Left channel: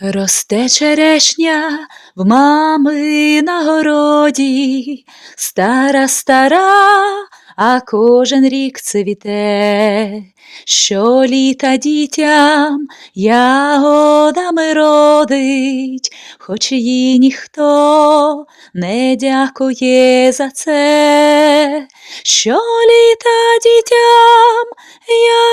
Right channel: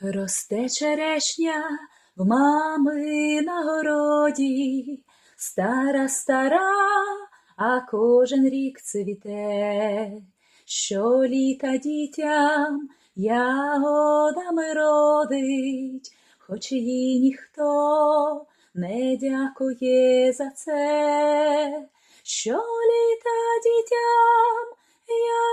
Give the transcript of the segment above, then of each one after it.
Росте черешня в мами на городі, стара, стара, а кожен рік цвіте, що літа дітям ягодами родить, хоч їй ніхто не дякує за це, що літа дітям ягодами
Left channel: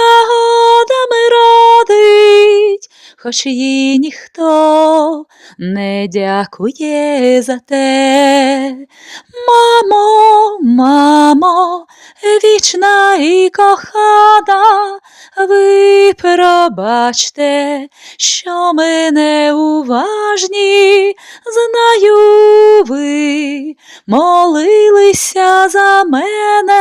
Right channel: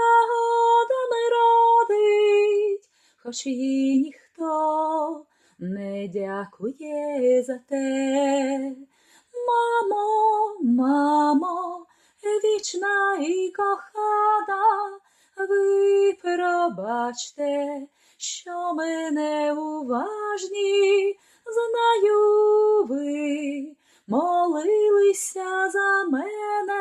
хоч їй ніхто не дякує за те. Мамо, мамо, вічна і кохана, ви пробачте, що ми неуважні, знаю ви, молилися за мене,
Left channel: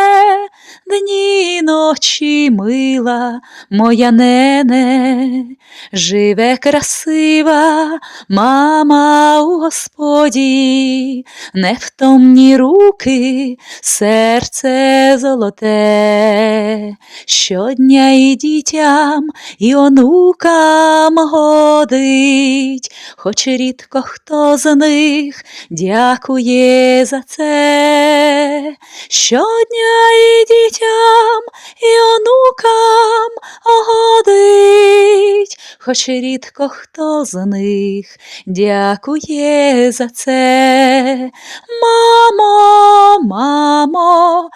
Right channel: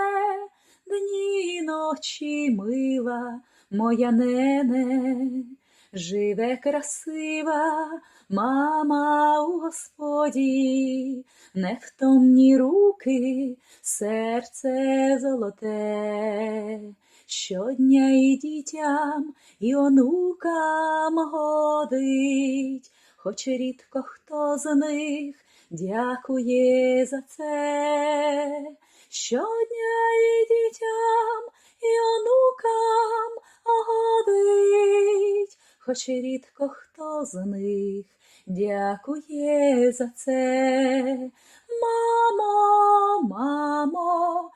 дні ночі мила моя нене, живе красива мама у Господі, невтомні руки, серце золоте, щодня і дітям, і онукам годить, хоч рідко хто з них дякує за це, щодня і дітям, і онукам годить, хоч рідко хто з них дякує за це. Мамо, мамо,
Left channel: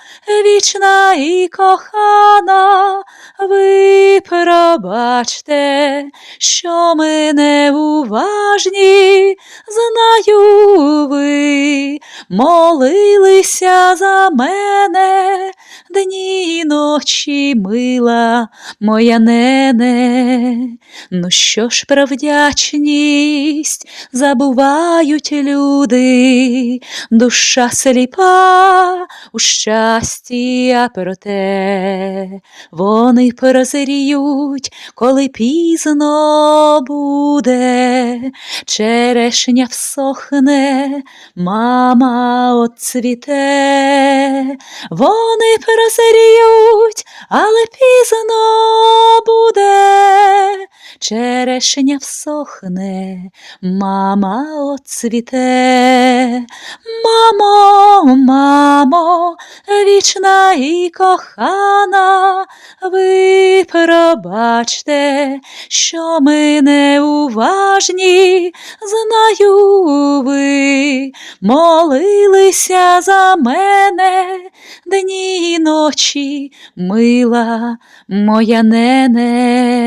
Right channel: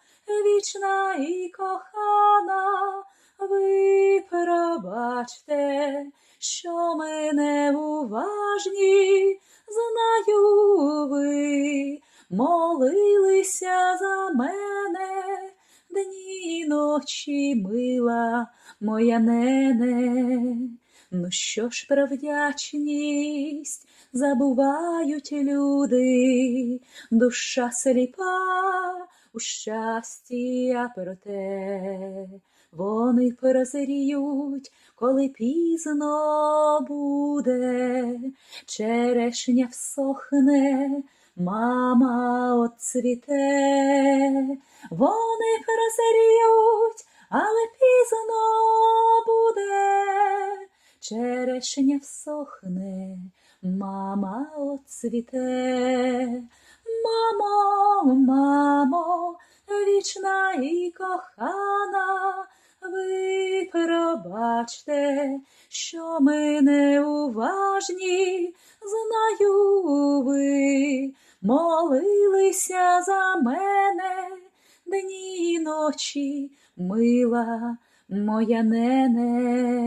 вічна і кохана, ви пробачте, що ми неуважні, знаю ви, молилися за мене, ночі мила моя нене. Ну що ж про вдячність забувають люди, душа сліпа у щасті, а проте вони прозріють, коли пізно буде, черешня всохне, мама отцвіте, вони прозріють, але пізно буде, черешня всохне, мама отцвіте, мамо, мамо, вічна і кохана, ви пробачте, що ми неуважні, знаю ви, молилися за мене ночі, мила моя нене.